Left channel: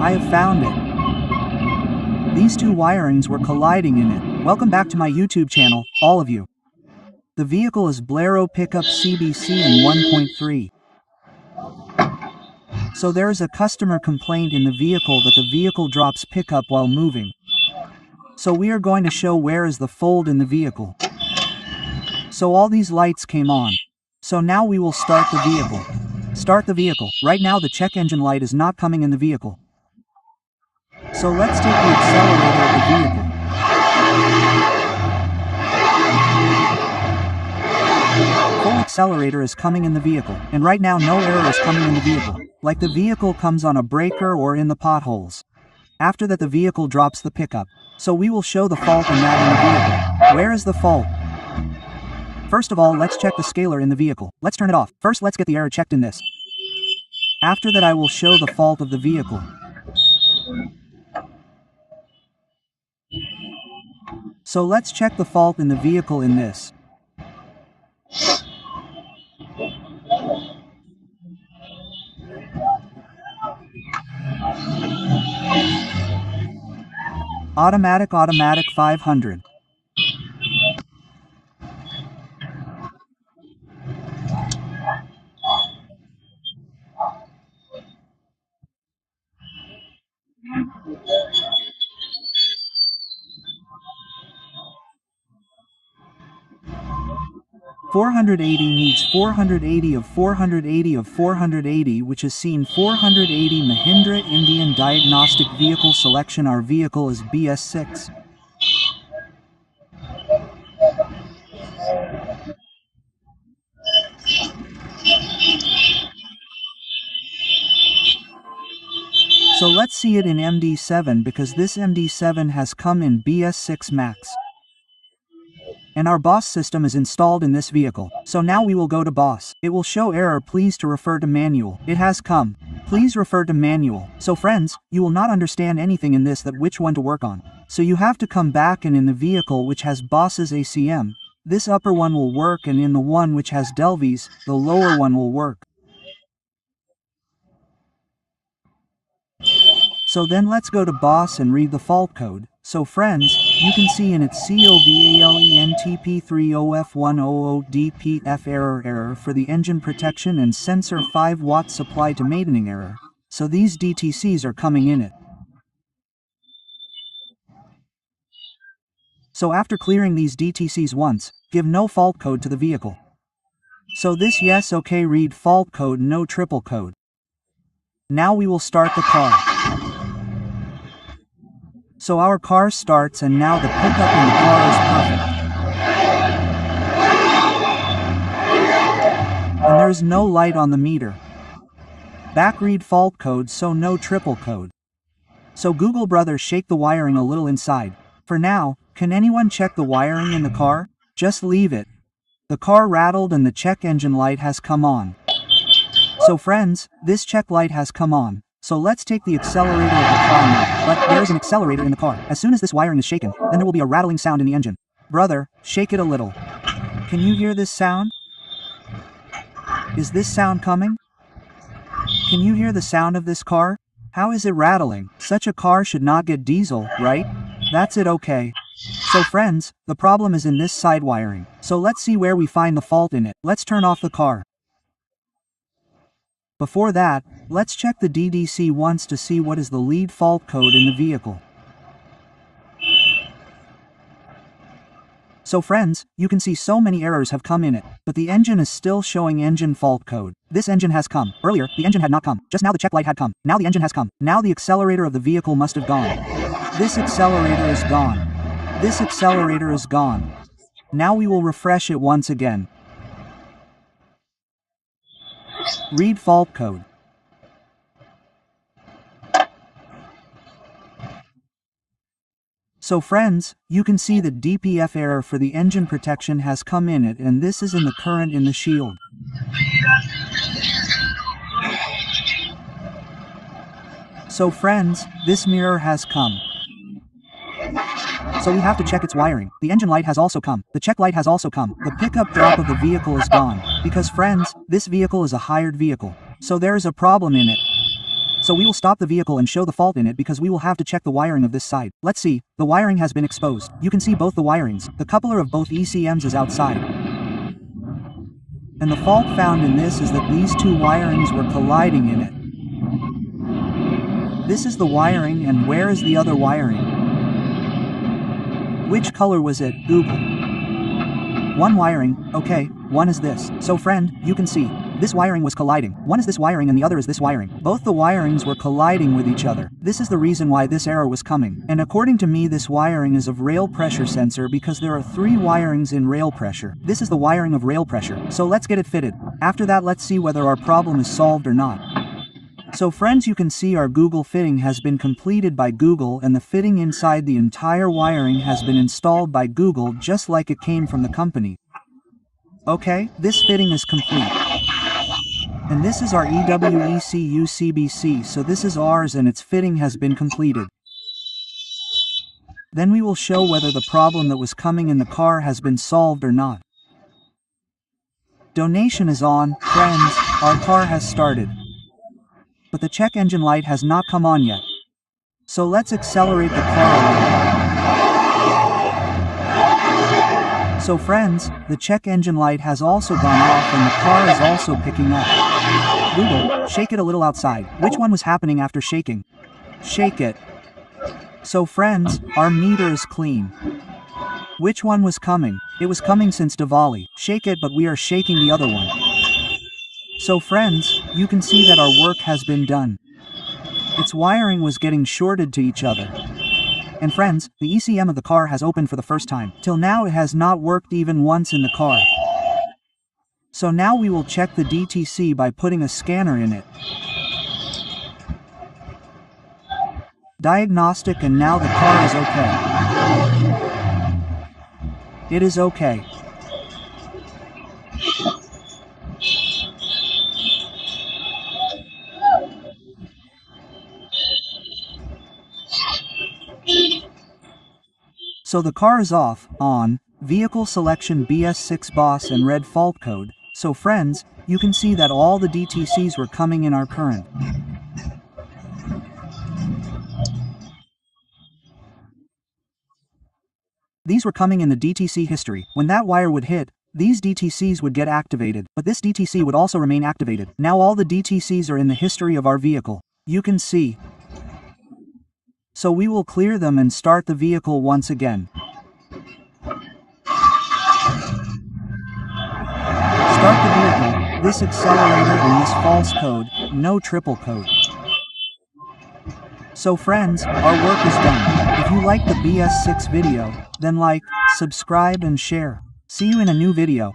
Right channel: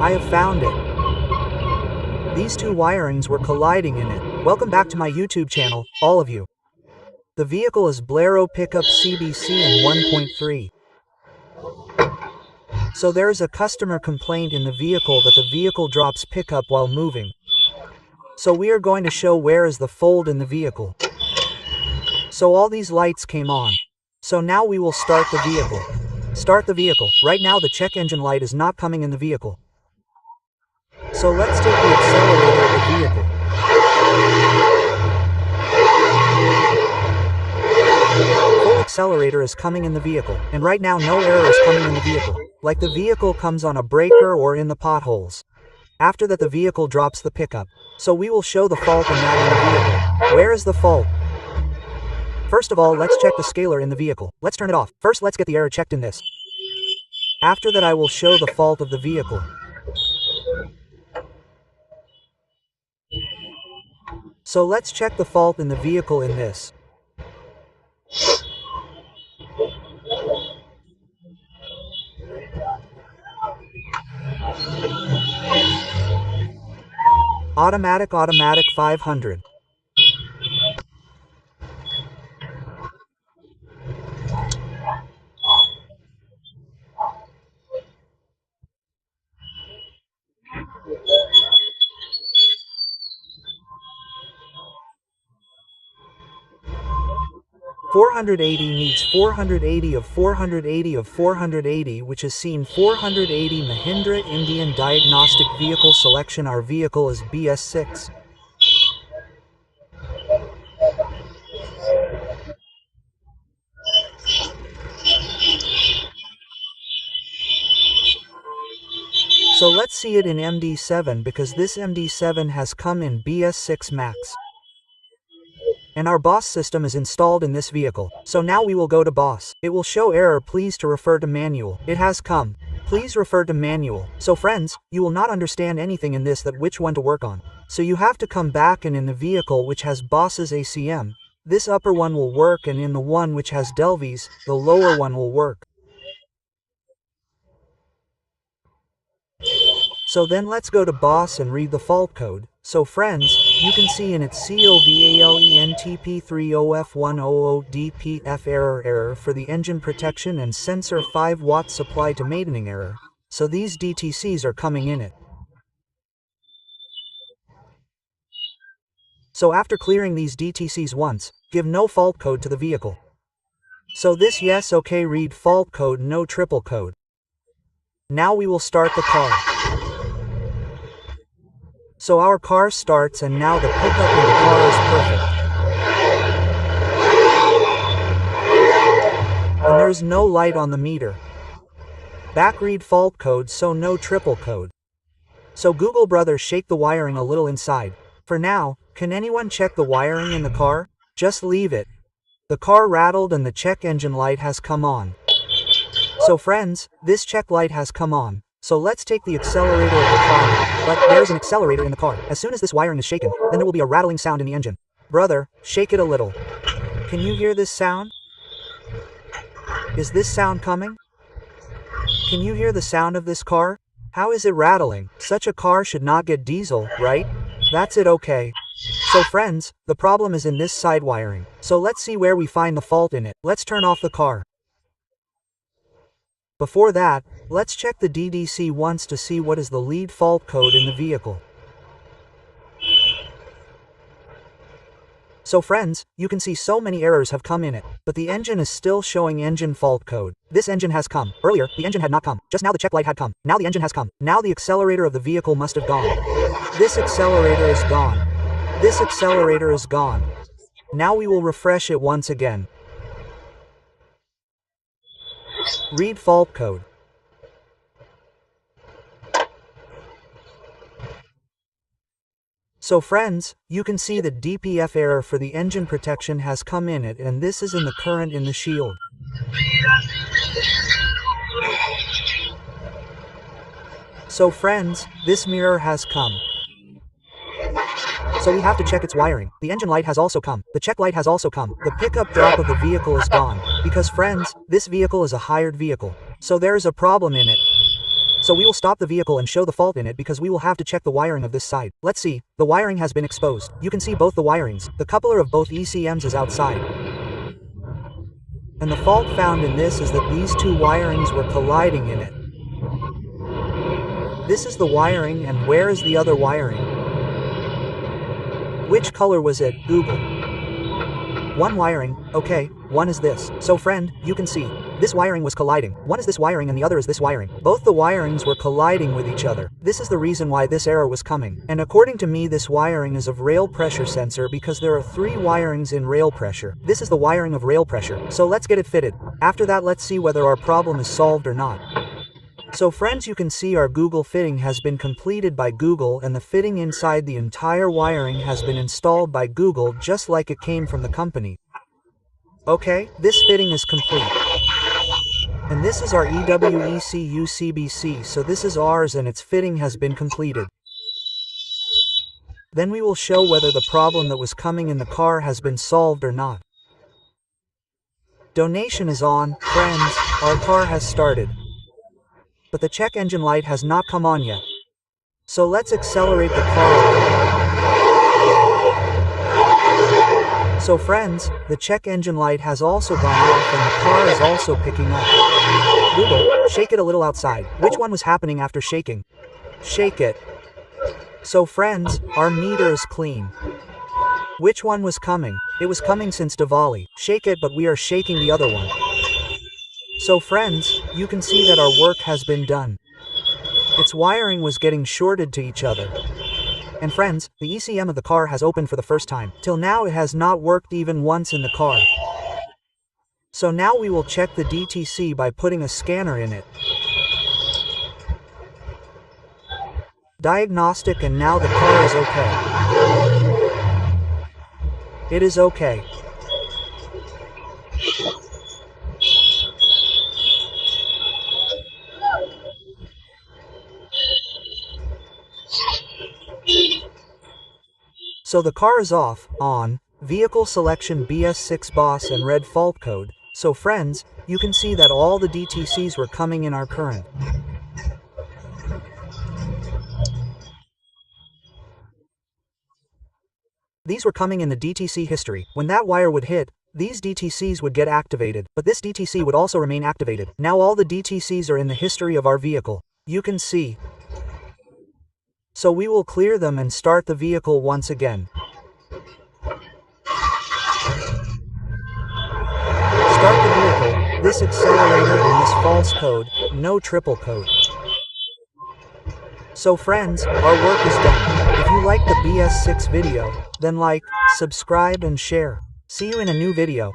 I have found it. These two wirings were colliding in it. Welcome back to my YouTube channel, all of you. The vehicle is Bolero Pickup CBC in 1.3. So there is a customer complaint in the vehicle that the vehicle drops pickup while moving. So we are going to show where is the fold in the vehicle. So all these lights came on. So now we will start the vehicle. Start the vehicle. Right now the check engine light is not coming in the vehicle. So let's take the accelerator of the vehicle. Full accelerator is coming in the vehicle, and right now no error is coming in the vehicle, like the vehicle comes on a breaker or in the potholes. After that the vehicle drops the pickup. So we will show the fault in that in the vehicle. Where is the fault? First of all, let's check the scaler in the vehicle. Let's turn it off. First let's get the error checked in this. After that I will show the fault of the vehicle. So let's check the fault in the vehicle in this. Automatic 500. $480 needs 480 of 480 of 480, which is seen 480 Mahindra Indian Diagnostic Vehicle Selection. Our vehicle is BS6. So let's see it in MD7 because this MD7 has come in BS6 Max. And our BOSS system is installed in this vehicle. So now we will go to BOSS. It will show error, please to refer to manual. It has come. Please refer to manual. So friends, you will not understand anything in this that which one to work on. So you have to come back, and in the vehicle which has BOSS's ACM, this upper one will work, and in the one which has Delvi's, the lower one will work. So then let's go to BOSS and read the fault code. So friends, you can see in its COVALENTP30F100DPF error for the engine protection and sensor 5 watt supply to maintaining error. So these DTCs are coming in it. So after clearing these DTCs once, give no fault code to the vehicle. So this yes okay read fault code no triple code. Now we will start the car. So our car starts, and now the pickup in the car is perfect. And there's no light on the meter. Back read fault code, so no triple code. So Google brother shake the wiring a little inside. For now, can anyone check the wiring in the car? Just leave it. The car rattled and the check engine light has come on. So friends, this check light has come on. So let's take the accelerator of the car now. But there is an accelerator in the car. As soon as this wiring is shaken, then there will be a rattling sound in the engine. Brother, shake it a little. Can you hear this sound? Is this sound coming? Can you hear the sound of this car? How is it rattling? Such a car should not get diesel, right? That's it okay. So friends, the problem is in this side wiring. So let's see where we find the fault in it. Let's turn off the car. Before that, let's check the DDC once to see what is the lead fault code in the vehicle. So friends, you can see so many errors have come in it, but the engine is still showing engine fault code. This engine has come. Earlier, the engine had not come. Just now the check light had come. Now the engine has come. Now the accelerator of the vehicle must have gone. This accelerator is gone. This accelerator is gone. Now we will refresh it once again. Read fault code. So friends, you can see that DPF error for the engine protection has come in it, and this is in the current in the shield. So friends, this mirror has come. So we have to check its wiring. The engine light has also come. The check light has also come. The pickup drop of the vehicle is gone. Because friends, this vehicle is a hired vehicle. So there is a problem in it. So we will stop the vehicle and show the fault in it because we will have to check the wiring of this side. Let's see, the wiring has been exposed. You can see both the wirings, the coupler of both ECMs is outside. And the fault found in this is that these two wirings were colliding in it. This is the wiring, and where is the other wiring? Which color was it, Google? One wiring, okay, one is this. So friend, you can see, this wiring was colliding. One is this wiring and the other is this wiring. Both the wirings were colliding with each other. This is the reason why this error was coming. And according to me, this wiring is of rail pressure sensor because there are 3 wirings in rail pressure. This is the wiring of rail pressure. So let's get it fitted. After that, let's see whether our problem is solved or not. So friends, you can see our Google fitting has been completed by Google, and the fitting inside the entire wiring has been installed by Google just like it came from the company. Okay, this fitting is complete. And this is our EWECU CBC, so this is ours and its fitting has been completed. Then we will show whether the problem that was coming in the car has been solved or not. Donation is on, friends, our car has started. But the check engine light has not come on yet. So let's accelerate the car a little. So friends, the check engine light has also gone off and the car is also picking up. Google, shake it a little outside. Which one was happening after shaking? Shake it. So friends, our meter is clean. Which one was coming? It was coming since Diwali. Shake it, but we are shaking the other one. So friends, you can see that our work has been done. Its wiring was getting shorted to each other. And friends, the ECM of the car has opened for the first time. Till now it has not worked even once in the car. So now we will check the DTC by putting a scanner in it. Diagnostic, and now the car is okay. It is okay. So the car is off, on, vehicle selection BS6 boss and red fault code. So friends, you can see that all the DTCs were coming in our current. These were coming in the DTC history. When that wire would hit, these DTCs would get activated, but this DTC would also remain activated. Now all the DTCs are in the history of our vehicle. You can see. So we will clear them and start the vehicle once again. Start the vehicle, this accelerator and this false code, no triple code. So friends, our work is done. If you like the BS6 video, then like, subscribe and share. See you in a new video.